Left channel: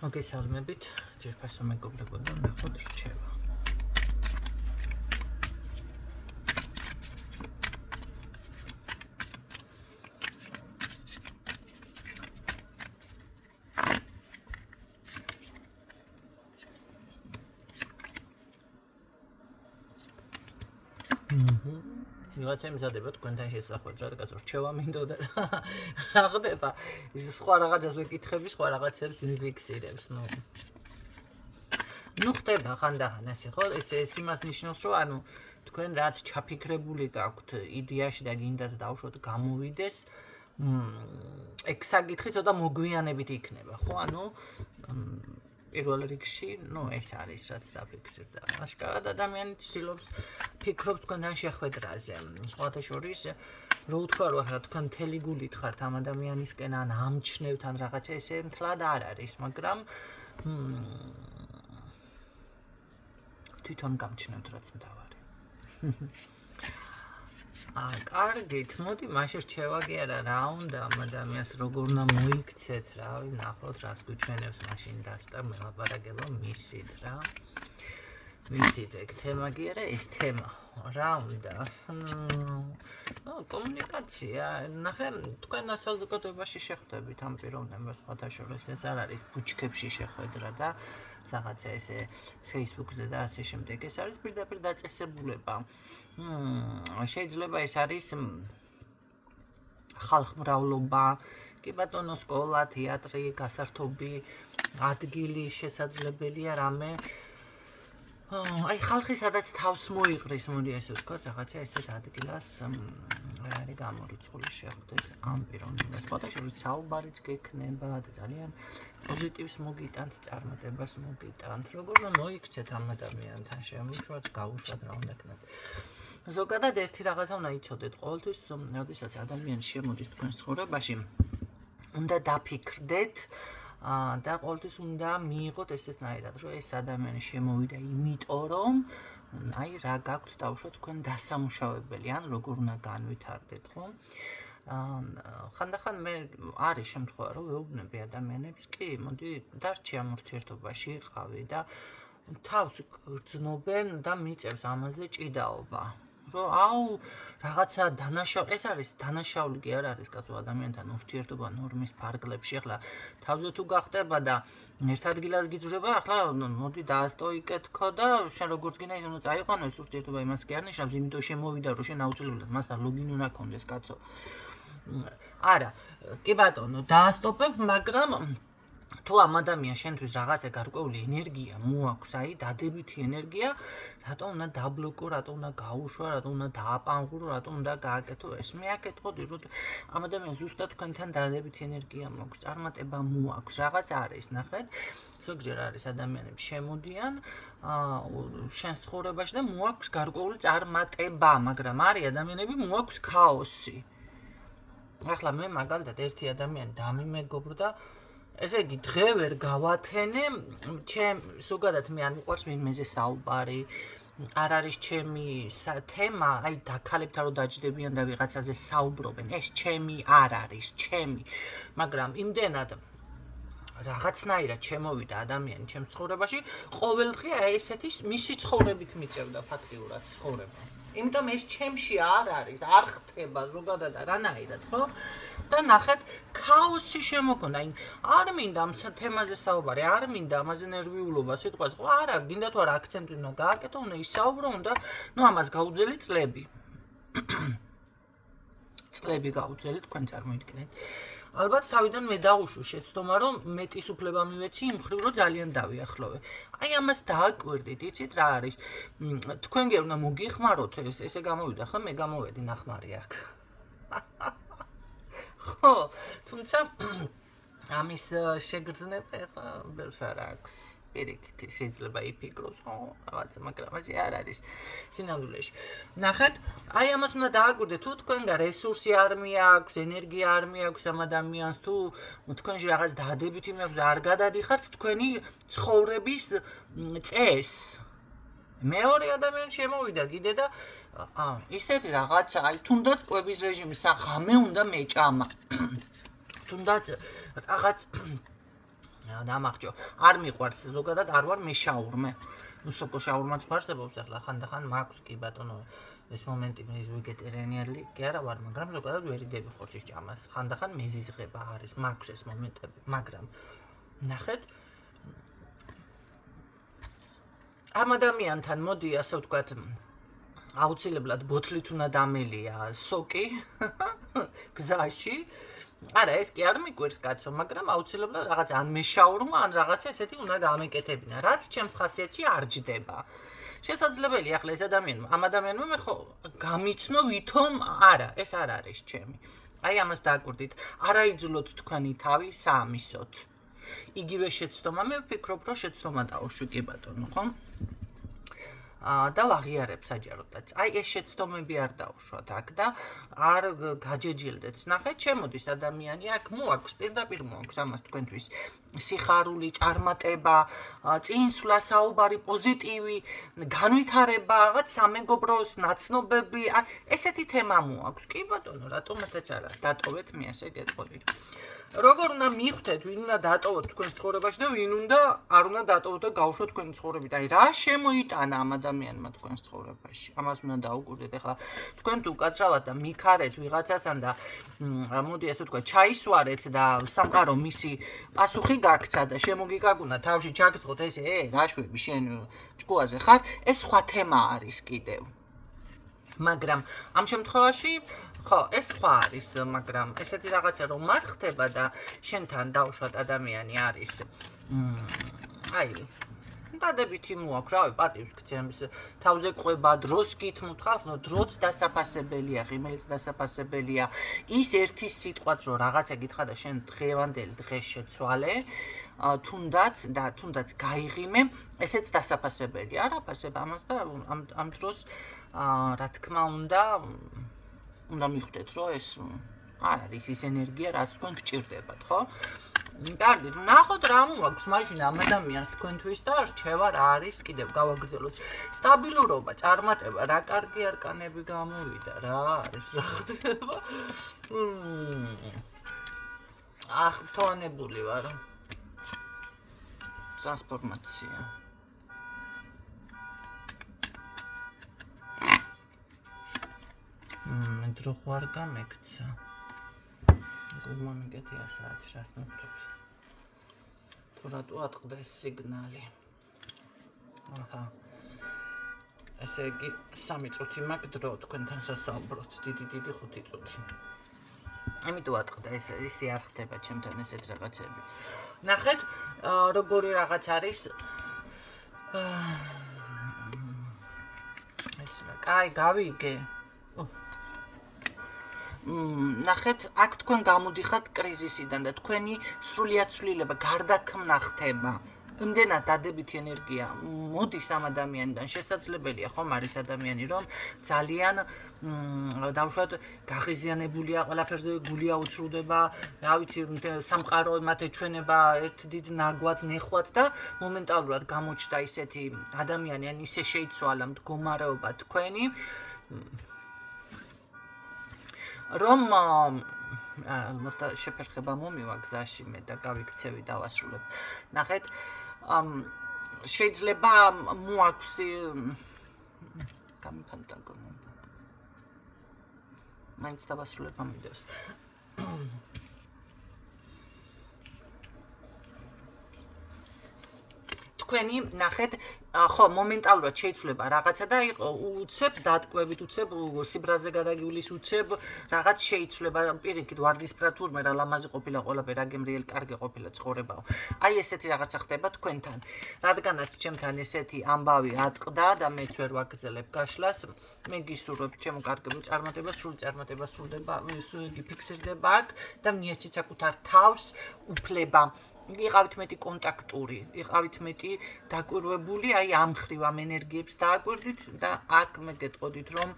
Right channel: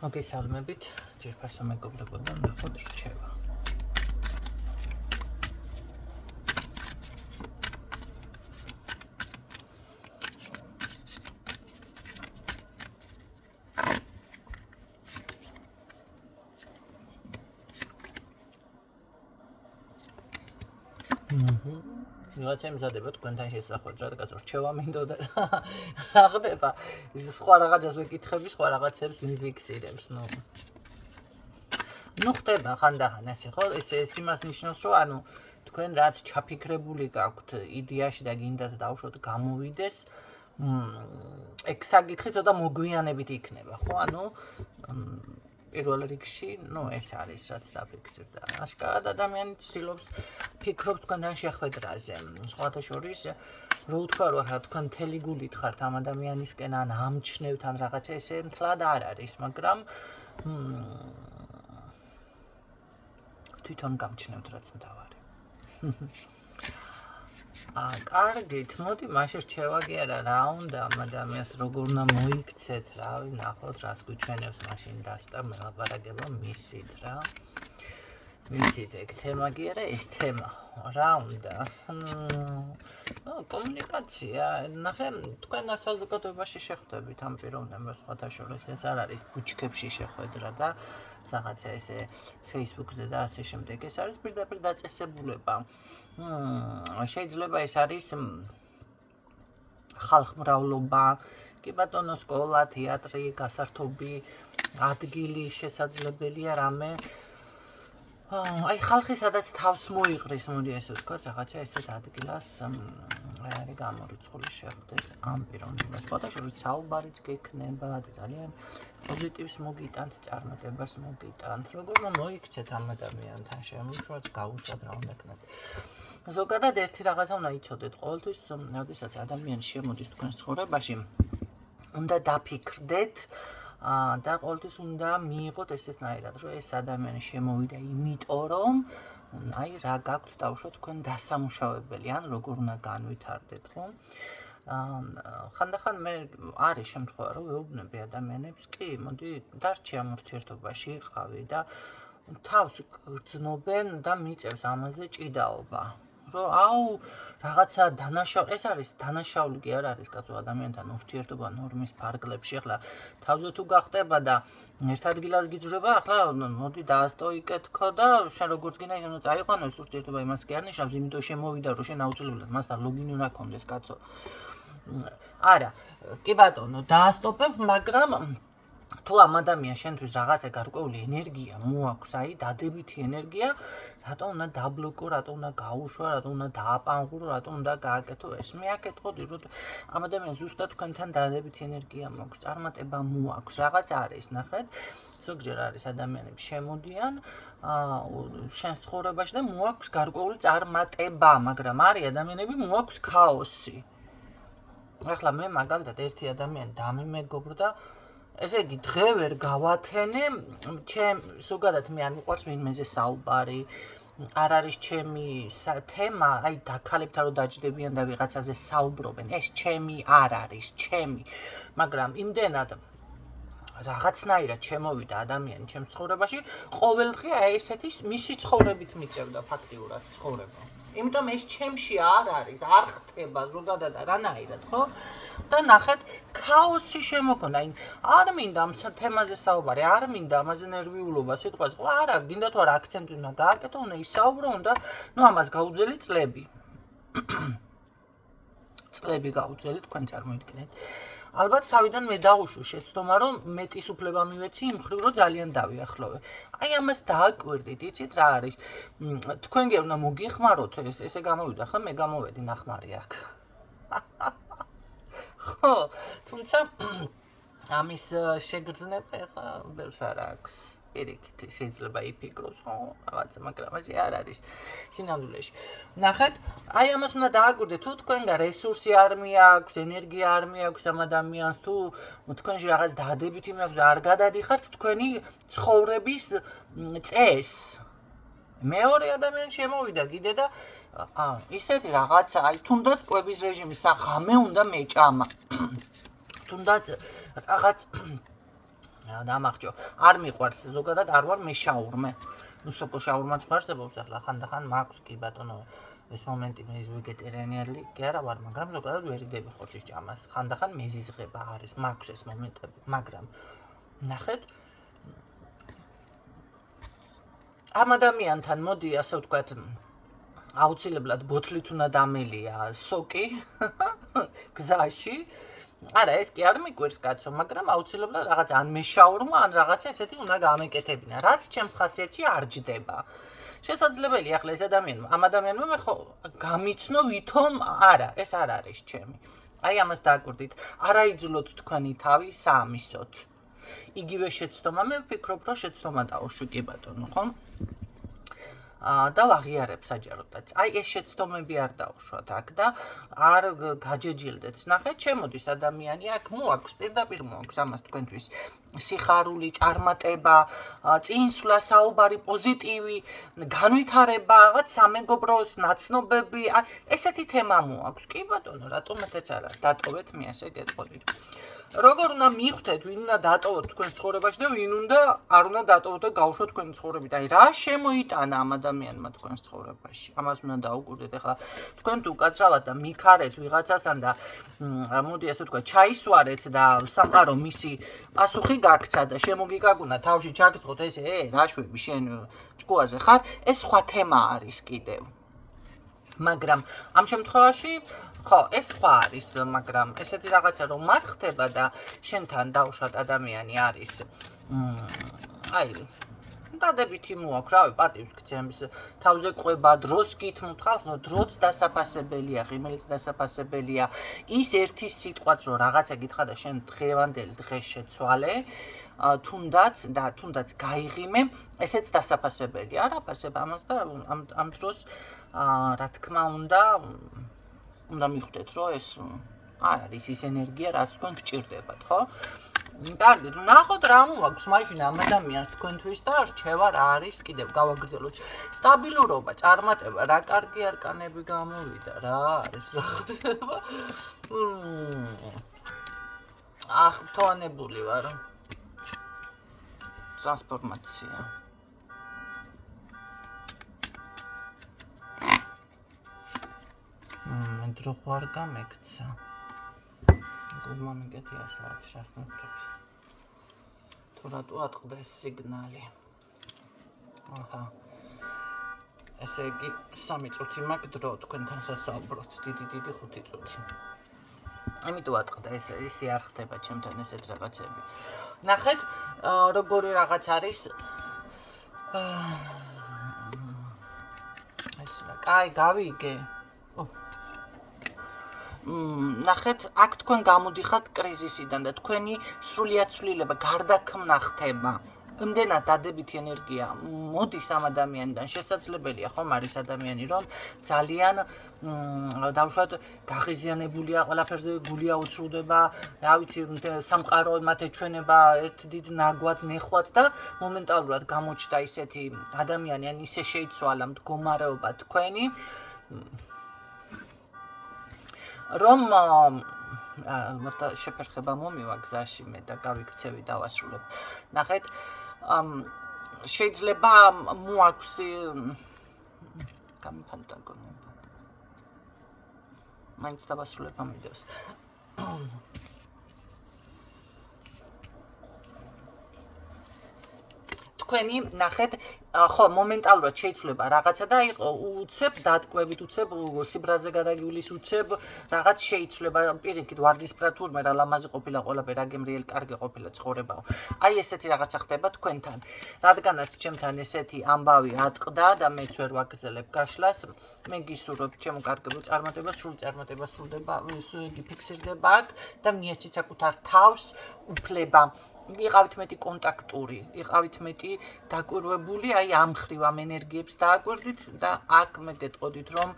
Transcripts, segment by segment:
მოგესალმებით, ძირფასო მეგობრებო და ნახოთ რჩევა. ვიღაცა იმზადება თქვენთან შესახვედრად, რადგან რჩევა მინდოდა რა ხდება, ის სხვა რაღაცას ვეკითხები, სხვა რაღაცებს მიფიქსირებს, ნუ ხდება ხანდახან ასე, ხო? ეს იმას ნიშნავს, რომ ანუ თქვენ რაც ჩაფიქრებული გაქვთ იდეაში და გინდათ დავუშვოთ გამოვიდეს, ეგ საკითხი ცოტა მოგვიანებით იქნება, ხო? ანუ პირველ რიგში, ეს არის რაც დაფიქსირდა. აშკარად ადამიანი ცდილობს ფიქრობს თქვენთან შეხვედრაზე. სხვათა შორის, რო ვთქვა, რომ თქვენ მთელი გულით ხართ ამ ადამიანისკენ ან ამჩნევთ ან რაღაცა ესე მთლად არ არის, მაგრამ თვითონ გამჩნევთ რაც მთავარი. კარგით, მოდი მაშინ რჩევა კი არა, რა უნდა ამ ადამიანს როგორ უნდა მოიქცეთ, რავი, ნახოთ რას გვიჩვენებს მაშინ დასტა მელაპარაკება მისით რა. მისით ეგ თემა კი არა, ეს თემა რა უნდა? კომუნიკაცია, ნახე, თქვენ საზოგადოებაში შეხვდებით ამ პიროვნებას სხვათა შორის, ეს არ არის ბუჩქებში შეხვედრა და რაღაცა ესე Facebook-ზე და ასე შემდეგ, ეს არის პირდაპირ დაწესებულება. შეიძლება ეს არის ხალხმრავლობა, კი ბატონო, სკოლა, თეატრი, გასართობი ადგილი შესაძლებელია რამე. აი ხალხი სადაც თავს მოიყრის, მოდი ესე ვთქვათ, რაღაცა ესეთ ადგილას არის გამორიცხული შეხვდეთ ამ პიროვნებას. სხვათა შორის საუბარიც გექნება და ძალიან პოზიტივს მოგიტანთ, წარმატებას მოგიტანთ. როგორ მოიქცეთ ამ ადამიანთან, შემოშვათ, გავუშვათ რა უნდა ქნათ. ზოგადად ერთი რაღაცა უნდა იცოდეთ, ყოველთვის, როდესაც ადამიანი შემოდის თქვენს ცხოვრებაში, უნდა დაფიქრდეთ და ყოველთვის უნდა მიიღოთ ესეთნაირად, რომ ეს ადამიანი შემოვიდა იმიტომ, რომ აი რა გაქვთ დავუშვათ თქვენ დასამუშავებელი, ან როგორ უნდა განვითარდეთ, ხო? ხანდახან მე არის შემთხვევა, რომ ვეუბნები ადამიანებს, კი, მოდი დარჩი ამ ურთიერთობაში იყავი და თავს გრძნობენ და მიწევს ამაზე ჭიდაობა. რომ აუ რაღაცა დანაშაული, ეს არის დანაშაული კი არ არის კაცო ადამიანთან ურთიერთობა ნორმის ფარგლებში. ახლა თავზე თუ გახტება და ერთ ადგილას გიძვრება, ახლა მოდი დაასტოიკეთქო და შენ როგორც გინდა ის უნდა წაიყვანო ეს ურთიერთობა, იმას კი არ ნიშნავს, იმიტომ შემოვიდა რომ შენ აუცილებლად მასთან ლოგინი უნდა გქონდეს, კაცო. არა, კი ბატონო, დაასტოპებ, მაგრამ თუ ამ ადამიანს შენთვის რაღაცა გარკვეული ენერგია მოაქვს, აი დადებითი ენერგია, რატომ უნდა დაბლოკო, რატომ უნდა გაუშვა, რატომ უნდა დააპანღურო, რატომ უნდა გააკეთო ეს? მე აკეთხოდი, რომ ამ ადამიანს ზუსტად თქვენთან დადებითი ენერგია მოაქვს, წარმატება მოაქვს, რაღაც არის, ნახეთ. ზოგჯერ არის ადამიანები შემოდიან შენს ცხოვრებაში და მოაქვს გარკვეული წარმატება, მაგრამ არის ადამიანები მოაქვს ქაოსი. ახლა მე მაგალითად ერთი ადამიანი დამიმეგობრდა, ესე იგი დღე ვერ გავათენე, ზოგადად მე არ მიყვარს ვინმეზე საუბარი, არ არის ჩემი თემა, აი დაქალებთან რომ დაჯდებიან და ვიღაცაზე საუბრობენ, ეს ჩემი არ არის, ჩემი, მაგრამ იმდენად რაღაცნაირად შემოვიდა ადამიანი ჩემს ცხოვრებაში, ყოველდღე აი ესეთი მისი ცხოვრებით მიწევდა ფაქტიურად ცხოვრება. იმიტომ ეს ჩემში არ არის, არ ხდება ზოგადად არანაირად, ხო? და ნახეთ, ქაოსი შემოქონდა, არ მინდა ამ თემაზე საუბარი, არ მინდა ამაზე ნერვიულობა, სიტყვას, ხო, არა, გინდა თუ არა აქცენტი უნდა გააკეთო, უნდა ისაუბრო, უნდა, ამას გაუძელი წლები. წლები გაუძელი, თქვენ წარმოიდგინეთ. ალბათ თავიდან მე დავუშვი შეცდომა, რომ მეტის უფლება მივეცი იმ მხრივ, რომ ძალიან დავიახლოვე. აი ამას დააკვირდით, იცით რა არის? თქვენ გე უნდა მოგიხმაროთ ესე გამოვიდა, ხო, მე გამოვედი ნახმარი აქ. ხო, თუმცა ამის შეგრძნება ახლა ბევრს არ აქვს. პირიქით შეიძლება იფიქროს, ხო, რაღაცა, მაგრამ ასე არ არის სინამდვილეში. ნახეთ, აი ამას უნდა დააკვირდეთ, თუ თქვენგან რესურსი არ მიაქვს, ენერგია არ მიაქვს ამ ადამიანს, თუ თქვენში რაღაც დადებითი მიაქვს, არ გადადიხართ თქვენი ცხოვრების წესს. მეორე ადამიანი შემოვიდა კიდე და ისეთი რაღაცა, აი თუნდაც კვების რეჟიმის ღამე უნდა მეჭამა. თუნდაც რაღაც დამახჯო. არ მიყვარს ზოგადად არ ვარ მე შაურმე. ნუ სოკო შაურმაც გვარსებობს ახლა ხანდახან მაქვს კი ბატონო ეს მომენტი მე ვეგეტარიანელი კი არა ვარ, მაგრამ ზოგადად ვერ იდები ხორცის ჭამას. ხანდახან მეზიზღება არის, მაქვს ეს მომენტები, მაგრამ ნახეთ ამ ადამიანთან მოდი ასე ვთქვათ აუცილებლად ბოთლით უნდა დამელია სოკი გზაში. არა, ეს კი არ მიკვირს კაცო, მაგრამ აუცილებლად რაღაც ან მეშაურმა, ან რაღაცა ესეთი უნდა გამეკეთებინა, რაც ჩემს ხასიათში არ ჯდება. შესაძლებელია ახლა ეს ადამიანი, ამ ადამიანმა მე ხო გამიცნო ვითომ არა, ეს არ არის ჩემი. აი ამას დააკვირდით, არაიძულოთ თქვენი თავი საამისოდ. იგივე შეცდომა, მე ვფიქრობ, რომ შეცდომა დაუშვი კი ბატონო, ხო? და ვაღიარებ საჯაროდაც. აი ეს შეცდომები არ დაუშვათ აქ და არ გაჯეჯილდეთ. ნახეთ, შემოდის ადამიანი აქ მოაქვს, პირდაპირ მოაქვს ამას თქვენთვის სიხარული, წარმატება, წინსვლა, საუბარი, პოზიტივი, განვითარება, რაღაც სამეგობროს ნაცნობები, ესეთი თემა მოაქვს. კი ბატონო, რატომაც არა, დატოვეთ მე ასე გეტყოდით. როგორ უნდა მიხვდეთ, ვინ უნდა დატოვოთ თქვენს ცხოვრებაში და ვინ უნდა არ უნდა დატოვოთ და გავუშვოთ თქვენი ცხოვრებით. აი რა შემოიტანა ამ ადამიანმა თქვენს ცხოვრებაში. ამას უნდა დაუკვირდეთ. ახლა თქვენ თუ უკაცრავად და მიქარეთ ვიღაცასთან და მოდი ასე ვთქვათ, ჩაისვარეთ და სამყარო მისი პასუხი გაქცა და შემოგიგაგუნა თავში ჩაგწყოთ ესე, რაშვები შენ ჭკუაზე ხარ, ეს სხვა თემა არის კიდევ. მაგრამ ამ შემთხვევაში ხო, ეს სხვა არის, მაგრამ ესეთი რაღაცა რომ არ ხდება და შენთან დაუშვათ ადამიანი არის აი დადებითი მოაქვს, რავი, პატივს გცემს, თავზე ყვება, დროს გითმოთ, ხალხო, დროც დასაფასებელია, ღიმილიც დასაფასებელია. ის ერთი სიტყვაც რომ რაღაცა გითხრა და შენ დღევანდელი დღეს შეცვალე, თუნდაც გაიღიმე, ესეც დასაფასებელია. არ აფასებ ამას და ამ დროს რა თქმა უნდა მიხვდეთ, რომ ეს არ არის ის ენერგია, რაც თქვენ გჭირდებათ, ხო? კარგი, ნახოთ რა მოაქვს მაშინ ამ ადამიანს თქვენთვის და რჩევა რა არის, კიდევ გავაგრძელოთ. სტაბილურობა, წარმატება, რა კარგი არკანები გამოვიდა, რა არის, რა ხდება? ახთოვანებული ვარ. ტრანსფორმაცია. მე დრო ხარ გამექცა. გულმომიგეთია საათი რას მოხდება. თუ რატო ატყდეს სიგნალი. აჰა. ესე იგი 3 წუთი მაქვს დრო თქვენთან სასაუბროთ. დიდი 5 წუთი. იმიტომ ატყდა ესე არ ხდება ჩემთან ესეთ რაღაცები. ნახეთ, როგორი რაღაც არის. ეს რა, კაი, გავიგე. ნახეთ, აქ თქვენ გამოდიხართ კრიზისიდან და თქვენი სრულიად ცვლილება, გარდაქმნა ხდება. იმდენად დადებითი ენერგია მოდის ამ ადამიანიდან. შესაძლებელია ხომ არის ადამიანი, რომ ძალიან დავუშვათ გაღიზიანებულია ყველაფერზე, გული აუცრუდება, რა ვიცი, სამყარო მათ ეჩვენება ერთ დიდ ნაგვად, ნეხვად და მომენტალურად გამოჩნდა ისეთი ადამიანი, ან ისე შეიცვალა მდგომარეობა თქვენი, რომ შეფერხება მომივა გზაში მე და გავიქცევი დავასრულებ. ნახეთ, შეიძლება მოაქვს გამიფანტაგონება. მაინც დავასრულებ ამ ვიდეოს. თქვენი ნახეთ, ხო, მომენტალურად შეიცვლება რაღაცა და უცებ დატყვევით, უცებ სიბრაზე გადაგივლის, უცებ რაღაც შეიცვლება, პირიქით ვარდისფრად თურმე რა ლამაზი ყოფილა ყველაფერი, აგემრიელი კარგი ყოფილა ცხოვრებაო. აი ესეთი რაღაცა ხდება თქვენთან. რადგანაც ჩემთან ესეთი ამბავი ატყდა და მეც ვერ ვაგრძელებ გაშლას, მე გისურვებ ჩემო კარგებო წარმატებას, სრული წარმატება სრულდება, იგი ფიქსირდება აქ და მიეცით საკუთარ თავს უფლება. იყავით მეტი კონტაქტური, იყავით მეტი დაკვირვებული, აი ამ ხრივ ამ ენერგიებს დააკვირდით და აქ მე გეტყოდით, რომ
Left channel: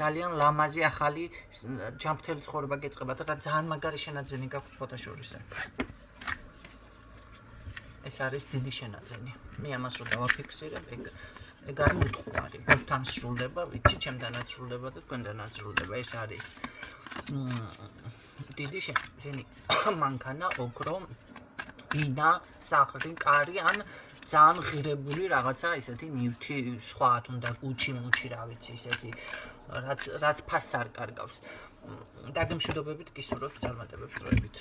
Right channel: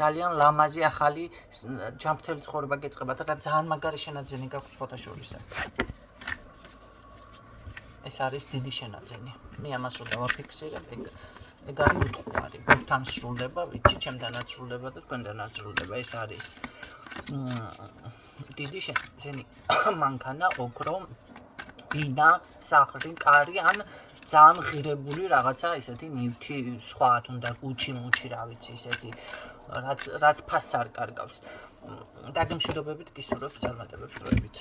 ძალიან ლამაზი ახალი ჯანმრთელი ცხოვრება გეწყებათ და ძალიან მაგარი შენაძენი გაქვთ ფოტოშურისზე. ეს არის დიდი შენაძენი. მე ამას რო დავაფიქსირებ, ეგ არ მიტყუარი. თქვენ სრულდება, ვიცი, ჩემთანაც სრულდება და თქვენთანაც სრულდება. ეს არის დიდი შენაძენი მანქანა, ოქრო ბინა, სახლი, კარი, ან ძალიან ღირებული რაღაცა ისეთი ნივთი სხვა თუნდა გუჩი-მუჩი რა ვიცი ისეთი რაც ფასს არ კარგავს. დაგემშვიდობებით გისურვებთ წარმატებებს დროებით.